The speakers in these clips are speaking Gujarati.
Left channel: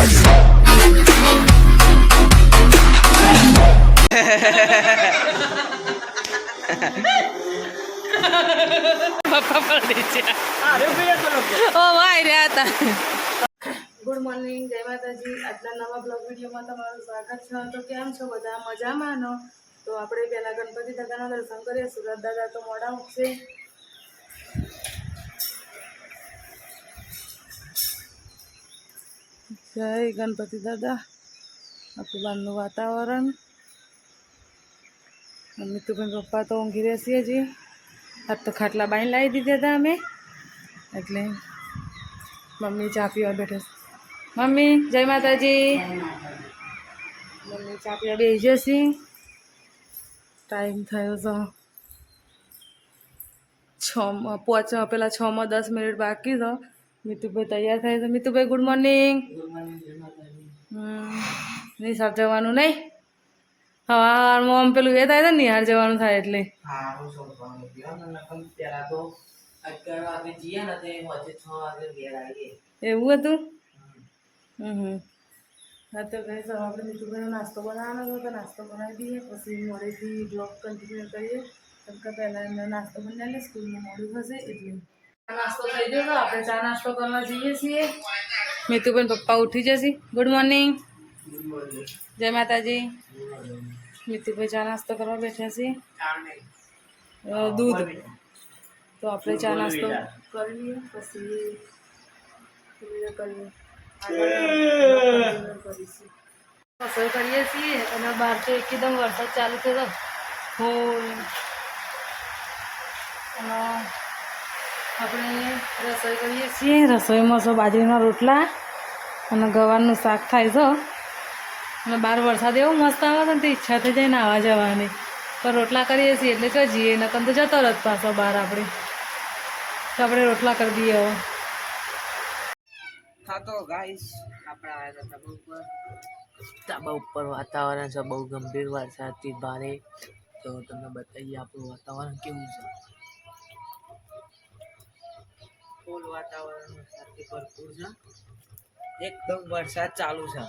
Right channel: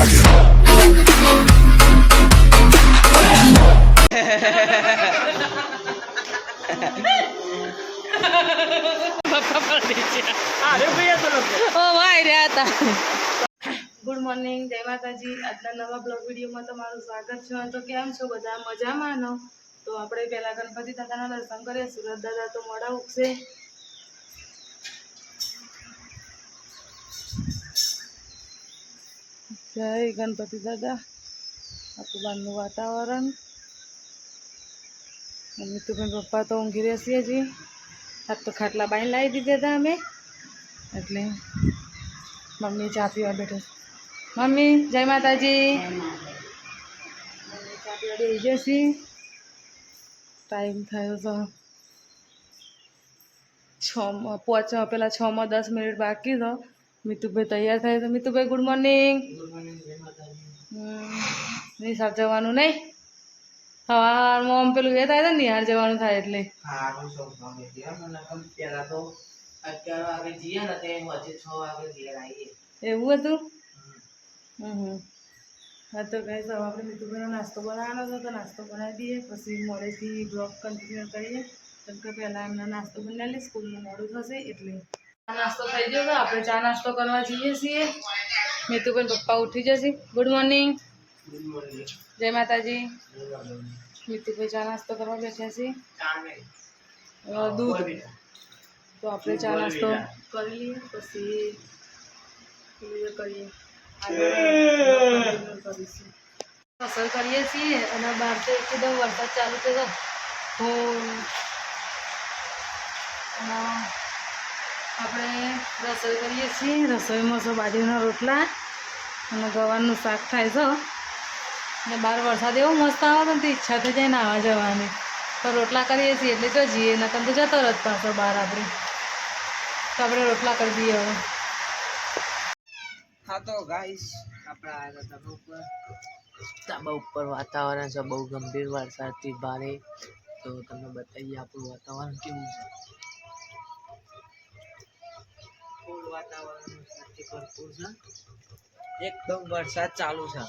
પપ્પા હતા ગુડ મોર્નિંગ, જય માતાજી. આજના નવા બ્લોગ વિડીયોમાં તમારું સ્વાગત છે. તો કેમ છો બધા? મજામાં નો તો આપણે પેલા ગણપતિ દાદાના દર્શન કરીએ. સુરત દાદા તો મોડા ઉઠશે. જય ગણપતિ દાદા. બહારનું વાતાવરણ. મમ્મી તો ભાઈ પપ્પા તો ઊંઘી રહેશે હજી. આજ તો ખાટલા બાઈને લાવી દીધા હતા અમે. એટલે મમ્મી ચા પીવા બેઠે મમ્મી, જય માતાજી. મમ્મી ચા પીવા બેસી જશે ટાઈમ થયો તો છ પાંચ પહેલાં છમાં દસ મિનિટ બાકી તો મિતુભાઈ તૈયાર થાય તો મિતુભાઈ ગુડ મોર્નિંગ નિશાળ જવાનું નહીં? સવારમાં આમ પેલું એ થાય ને નિહાર જવાનું થાય એટલે. એવું હતું? હમ. હા તો કઈ સર આપણે મિતુભાઈનો નાસ્તો બનાવવાનો હતો તો નાસ્તો બનાવી દઈએ પછી મોડેથી બ્લોગ કન્ટિન્યુ કરીએ. કેમ કે પહેલાં એમનો નાસ્તો બનાવી લઈએ સ્કૂલનું મોડું થશે એટલે. નાસ્તો થઈ ગયો તો આપણે ચા નાસ્તો કરવા જઈએ છીએ. મિતુબેન પપ્પા ઉઠી જશે. ગુડ મોર્નિંગ જય માતાજી. મિતુભાઈ ચા નાસ્તો કરવા બેઠા છીએ દૂધ. તો આપણે ચા નાસ્તો કરી લઈએ પછી કરીએ. કરીશું. રસોઈ કરીએ છીએ એના બહાર તો એકદમ વરસાદ ચાલુ થયો હું. આપણે રસોઈ કરીએ છીએ. રસોઈમાં તો બાજરીના રોટલા અને ગવારનું શાક થાય છે અને બહાર વરસાદ એવો મસ્ત આવે છે ને તો ઈચ્છા થઈ જાય નાવા જવાની. પણ રોટલા કરીએ છીએ એટલે જો જઈએ નકર તો જતો જ પાછો બહાર આપણે. તો આપણે રોટલા કરી દઈએ હવે. હા તો ગાઈશ આપણે આવ્યા ધાબા ઉપર. ધાબા ઉપર વાતાવરણ છે બહુ ગંભીર વરસાદથી ભારે. તો તમને બતાવીએ આપણું વાતાવરણ કેવું છે? ફૂલ વાતાવરણ સાથે ભરપૂર છે. એકદમ વરસાદ ચાલુ છે.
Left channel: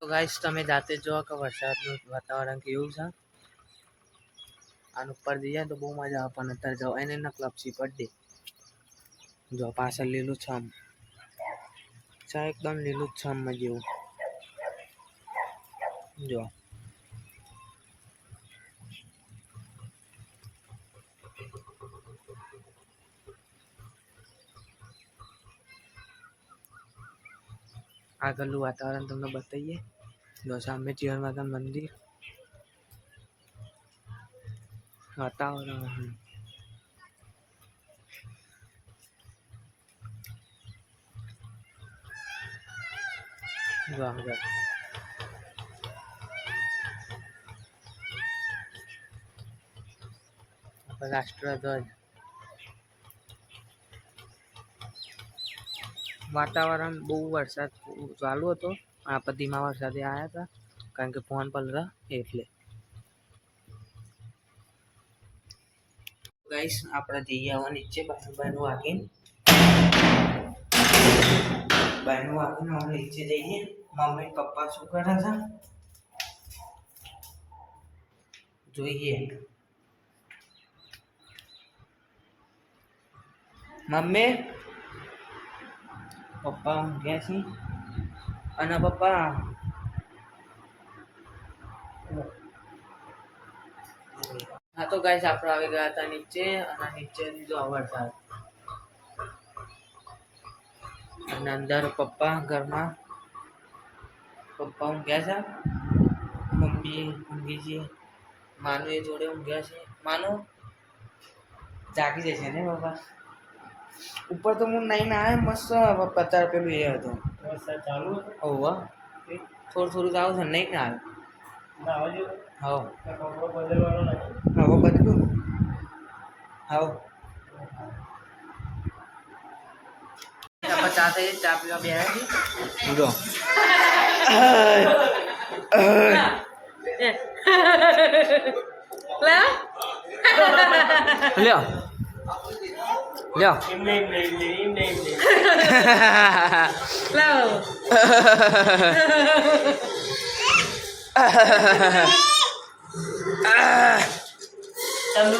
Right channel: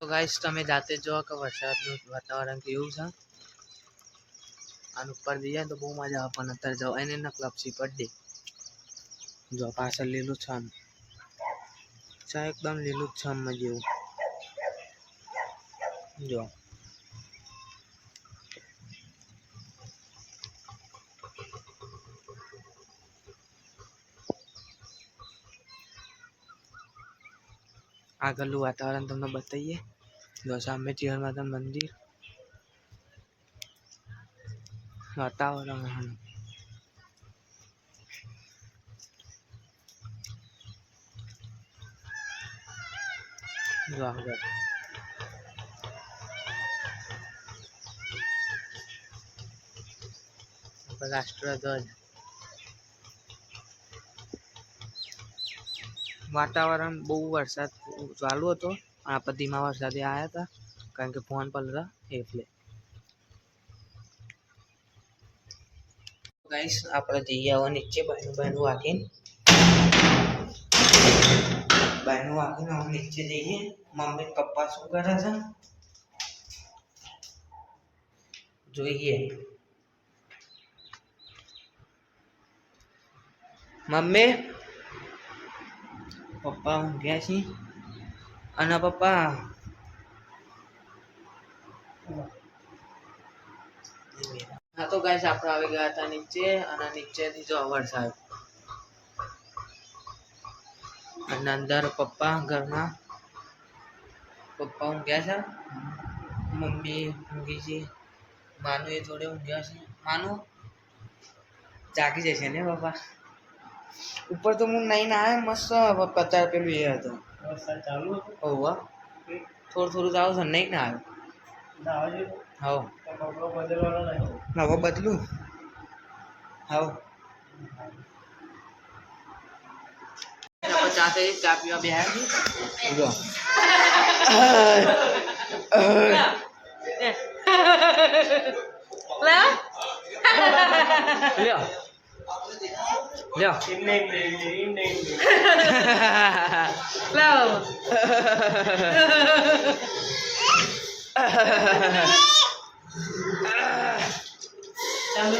તો ગાઈસ તમે જાતે જો કે વરસાદનું વાતાવરણ કેવું છે. આનું ઉપર જઈએ તો બહુ મજા આવે, પણ અત્યારે જવાય ને ના ક્લબસી પડી જો પાછળ લીલું છમ. એકદમ લીલું છમ જેવું. જો. આગળનું વાતાવરણ તમને બતાવીએ. જો સામે જીવન માતા મંદિર. વાતાવરણ જો રાષ્ટ્રધ્વજ. વાતાવરણ બહુ વરસાદ ચાલુ હતો આપણે ધીમા વરસાદે આવ્યા હતા કારણ કે ફોન પલરા એટલે ગાઈસ આપણે જઈએ હવે નીચે બાયનું બાયનું વાગીને બાયનું વાગીને હવે નીચે જઈએ મમ્મી પપ્પા શું કરે છે જોઈએ મમ્મી પપ્પા ઊંઘ્યા અને પપ્પા હા તો ગાઈસ આપણે આવી ગયા હતા નીચે અને નીચેથી જો વરસાદ અને અંદર પપ્પા ઘરમાં પપ્પા ઊંઘ્યા છે મમ્મી ઊંઘી છે માનું એ જોડે ઊંઘ્યા છે માનુ જાગી જશે ને પપ્પા ઉપર તો હું નહીં ના આવે મસ્ત પચાસ પેલું એ હતો વરસાદ ચાલુ હતો હોવા થોડું થોડું જાવ છે નહીં ના આવ્યો તો કપડો બદલવાનો નથી હવે બદલું હાવ ચા થઈ ચા પીવા બે જો લ્યો લ્યો એમને એમને એમને એમને એમને લાવો ચાલો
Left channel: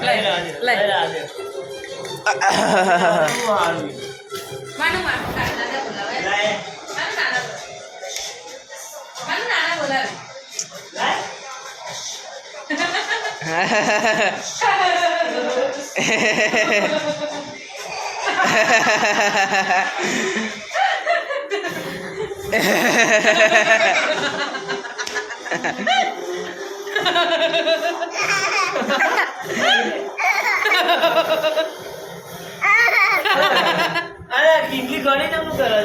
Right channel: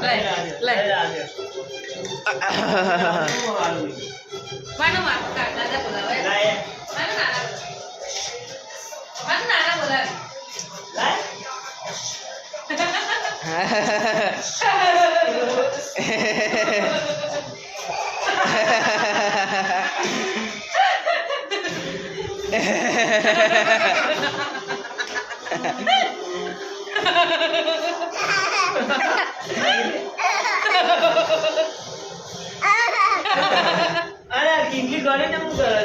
લઈ લઈ લઈ માનો માનો નાના બોલાવે માનો માનો નાના બોલાવે અરે ટીંગલી ગણી ને હું કરે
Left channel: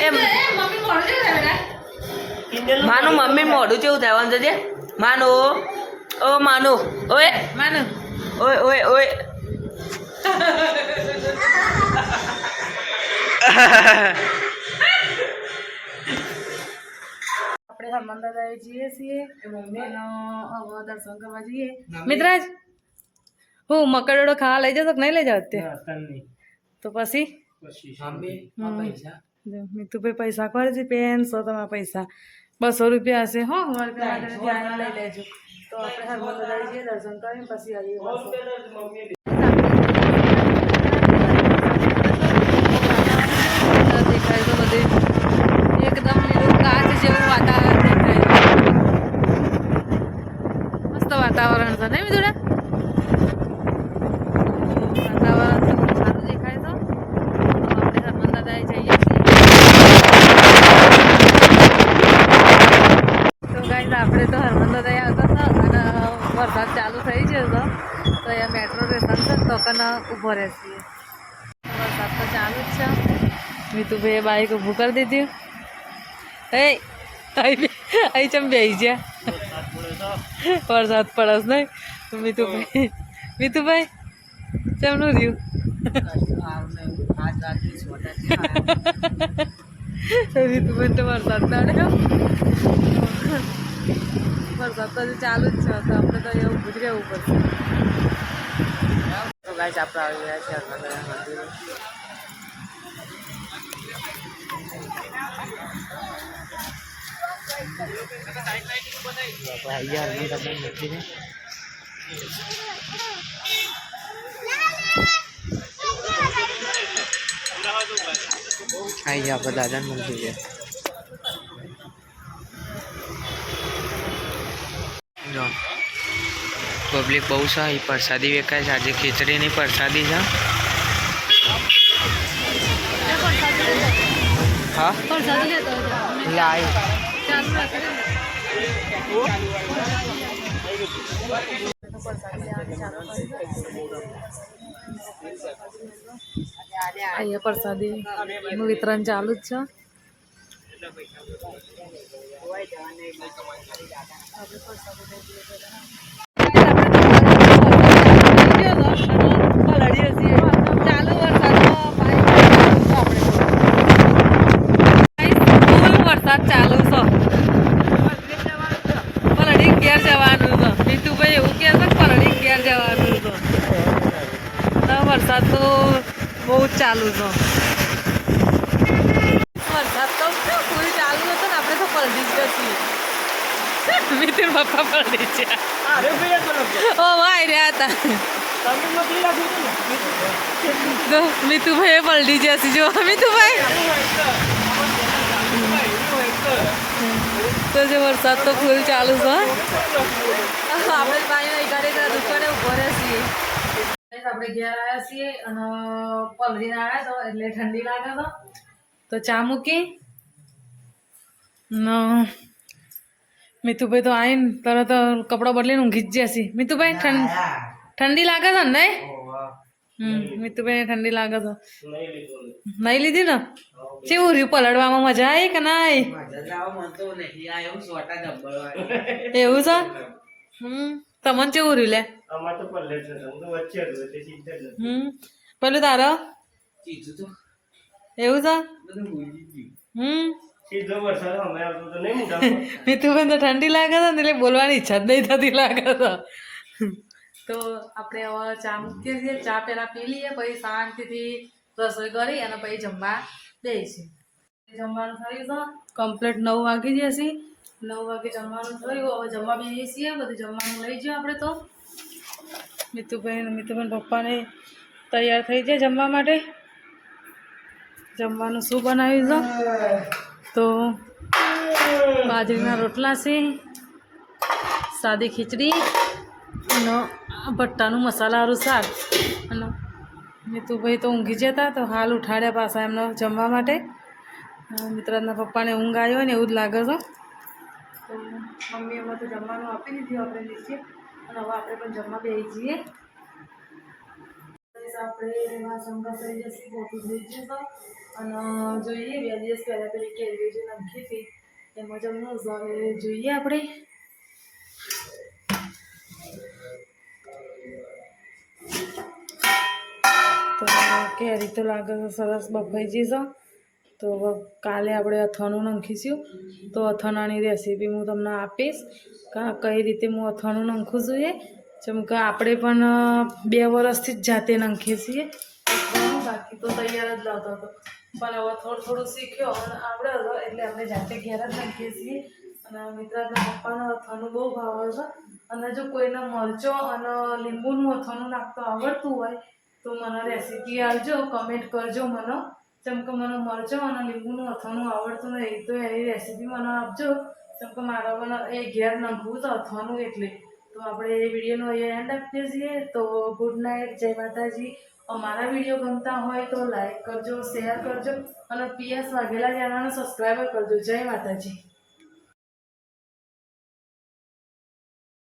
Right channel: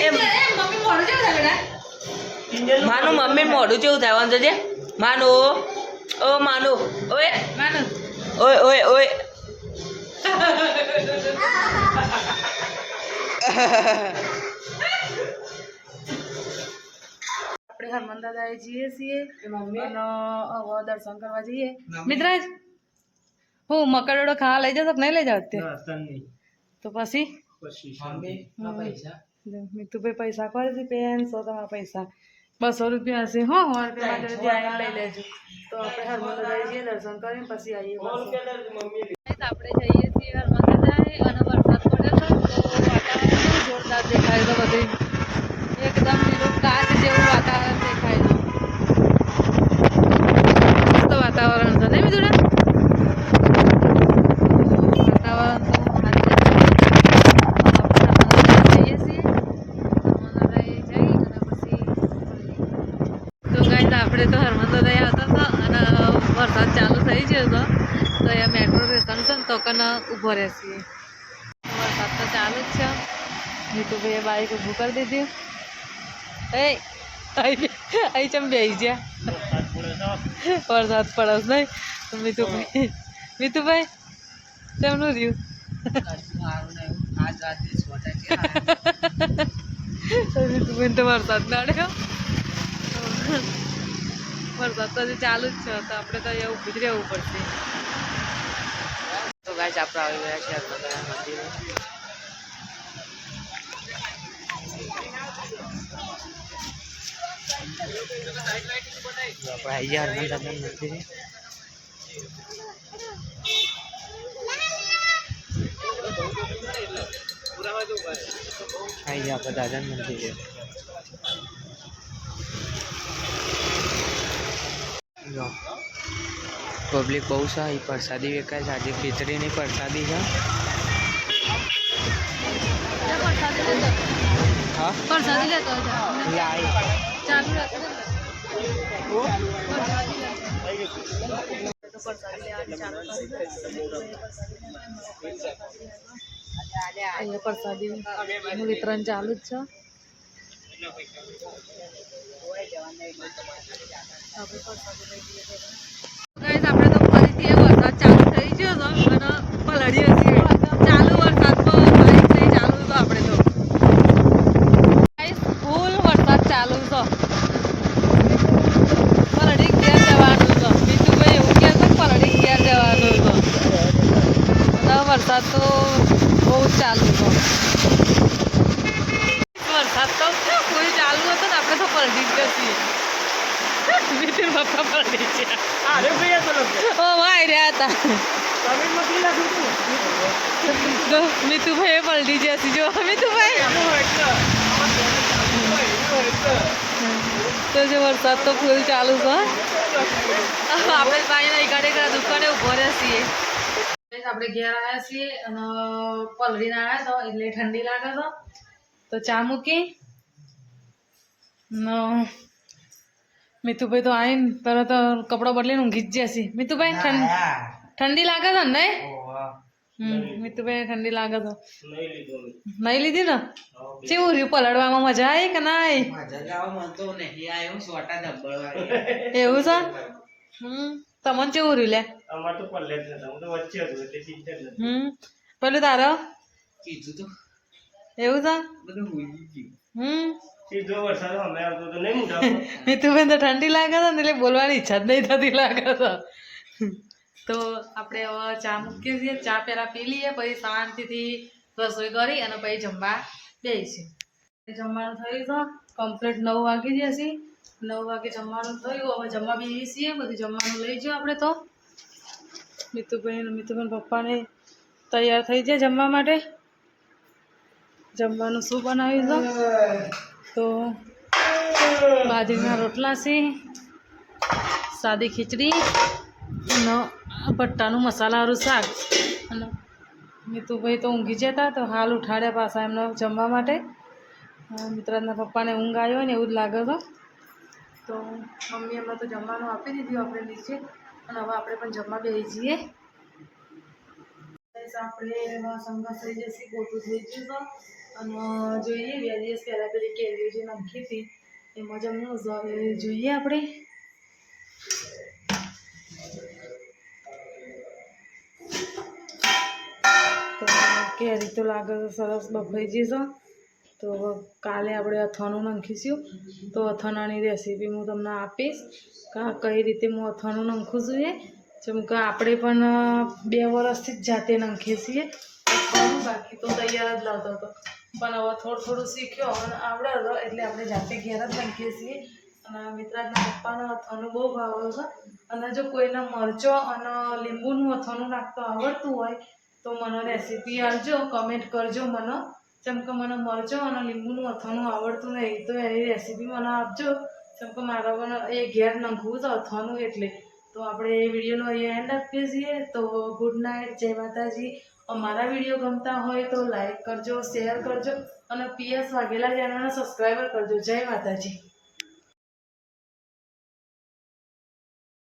એમ મમ્મી મોડું જેવું થાય બેટા ટીંગલ માનું મમ્મી મોઢું કેવું થાય વાંધો છે માનું ઓ માનું. ઓય. Manu. ઓય ઓય ઓય. આપણે હરમન દાદાએ જઈએ છીએ. હવે દર્શન કરવા જઈએ. મિત્રાજ હું મકરડો ખાવા લઈ જશો નહીં લઈ જાવ તે તો પછી? મીતુભાઈ પૈસા. કરે છે પેનસો તમારા પૈસા. બસો રૂપિયા હશે. હો સો લઈ લેજો. તો આપણે હરમન દાદાએ જઈએ દર્શન કરીને પછી આવીએ દેખાય તો બધે. એકદમ લીલું કાચ જેવું વાતાવરણ દેખાય છે. મસ્ત વાતાવરણ છે નહીં મિતુડા વાતાવરણ તો મહાન દેખાય આપણે જઈએ છીએ તો ગાઈઝ આપણે તો હરમંદર આવતા હતા અને વરસાદ ચાલુ થઈ ગયો હતો અહીંયા મેટ્રો સ્ટેશન છે તો કન ઊભો રહેશે. વરસાદ તો ચાલુ જ છે. મીતુભાઈએ બાઈક ઊભું કરી દીધું. એ અહીં ચમ બેસી ગયા? વરસાદ પડે તો વરસાદ પડે છે નહીં? તો મીતુભાઈ મીતુભાઈ ચમનું રહ્યું? મીતુભાઈ તો વરસાદ નાડ્યો વરસાદ તો હજી ચાલુ જ છે તો આપણે તો એવું રહેવું પડશે. ગાઈસ આપણે આવી ગયા છીએ હનુમાન મંદિરે આપણે આવી ગયા હનુમાન મંદિરે આવી ગયા આપણે દાદાના મંદિર. જો પબ્લિક બહુ છે. અહીં પ્રસાદી વેચાય છે. આજે ખીચડીની પ્રસાદી છે. હા? વરસાદી લેતો લાઈ ચાલુ રાખે તો પ્રસાદી લેવાની ચાલુ કરી દે. અહીંયા પ્રસાદી નું વિતરણ ચાલુ જ છે. આપણે પ્રસાદી લઈ લઈએ પહેલા. Guys, આપણે તો વરસાદ ચાલુ થઈ ગયો હતો અને પલળીએ છીએ. ચાલુ વરસાદમાં bike લઈને ચાલુ તો આપણે તો Guys, વરસાદ તો બહુ ચાલુ છે. વરસાદ તો ફૂલ ચાલુ હતો ને આપણે તો પલટી જ છીએ મિત્ર પપ્પા પલટી છે અરે ભાઈ રહ્યા હતા. તો મિતુભાઈ પલટી જશે જો મિતુભાઈ તો જે વરસાદ તો ફૂલ ચાલુ છે આપણે ભાઈ નહીં ઘરે ઘરે દુકાને ઊભો રહે છીએ આપણે ઘેર આવ્યા છીએ અને પલડીને આવ્યા તો એટલે ઠંડી લાગે તો। તો ચા મૂકી। ન। મિતુભાઈ તો આવીને તરત કપડો બદલીને ઊંઘી જ જશે મિતુભાઈ ઠંડી ઠંડી લાગે છે ને મિતુભાઈ ઠંડી લાગે તો નહીં લીધું મેં. નહીં લીધી ને કેવું રહ્યું પલળવામાં મજા આવી કે નાઈ એવું છે હમ તમને કેવું રહ્યું લે અમારે તો પલ્લે જ નતા હું તો વચ્ચે હતો એટલે ચિંતા જ નથી હમ પેલું તારો એવું છે બધું ભૂલી ગયું હમ મિતુભાઈ તો ઠંડી લાગે છે ને એટલે બોલવાની ઈચ્છા જ નહીં થતી લાગે છે તો આપણે હવે ચા મૂકીએ છીએ. ચા પહેલાં પી લઈએ, પછી શાંતિથી રસોઈ કરી અને પછી જમવા બેસીએ. જમવાનું થયું છે કમ્પ્લીટ નવ વાગી જશે નવ વાગે જમવાનું થયું. હવે જમવા બેસીએ છીએ. બધું જમવાનું લઈ જાઓ આપણે તો. મિતુભાઈ મિતુભાઈ પપ્પાને તૈયાર થઈ જાય જમવા માટે. જમવાનું શું બનાવ્યું છે તો બાજરીના રોટલા છે, સાદી ખીચડી ભટ્ટાનું મસાલાવાળું શાક. અને મિતુભાઈ તો ઊંઘી જતા તો હાલ ઉઠાડ્યા પાછા એમનો જમવા માટે. મિત્રના પપ્પાને ઊંઘ આવ્યો ને એવું જ લાગે છે. તો મમ્મી હમણાં તો જમવાનું આપી દીધું આપણે નીચે. અને હવે આપણે પણ જમવા બેસી જઈએ. આપણે સંઘર્ષ થઈ જશે પોતું થઈ જશે અને જોઈએ, બે દિવસ પહેલાં પેલી કેરીઓ જે નાખી હતી, એમાં જમવું છે. હવે જોઈએ આપણે. તો કેરી તો લાગે છે સરસ બફાઈ જશે તો કાલે આપણે અથાણું નાખીશું. તો અથાણાની રેસીપી હું તમને આપીશ કે કઈ રીતે હું અથાણું નાખું છું જેમ કે આપણે પણ બે વર્ષથી જ જાતે નાખીએ છીએ. બાકી તો તૈયાર જ લાવતો હતો. પણ હવે થોડું થોડું શીખ્યો અને આવડે હતો એટલે આપણે જાતે ઘેર જ નાખીએ છીએ. અને મિત્રાના પપ્પાનો અથાણું બહુ ભાવે છે. અને જો કોઈને મરચો અને લીંબુનું અથાણું નાખતો આવડતું હોય તો મને રેસીપી આપજો કમેન્ટ કરજો મને. જેમ કે મને મરચો અને લીંબુનું અથાણું આવડતું નહીં, તો એની રેસીપી મને આપજો. જેમ કે મારા પણ એ ઘેર નાખવું તો અથાણું એટલે. તો આપણે એ વિડીયોનો એ એન્ડ આપીએ છીએ. તો ગુડ નાઇટ જય માતાજી. અમારા વીડિયો ગમતા હોય તો લાઈક કરજો શેર કરજો અને પીએસ વાઘેલા ચેનલને સબસ્ક્રાઈબર કરજો. જય માતાજી.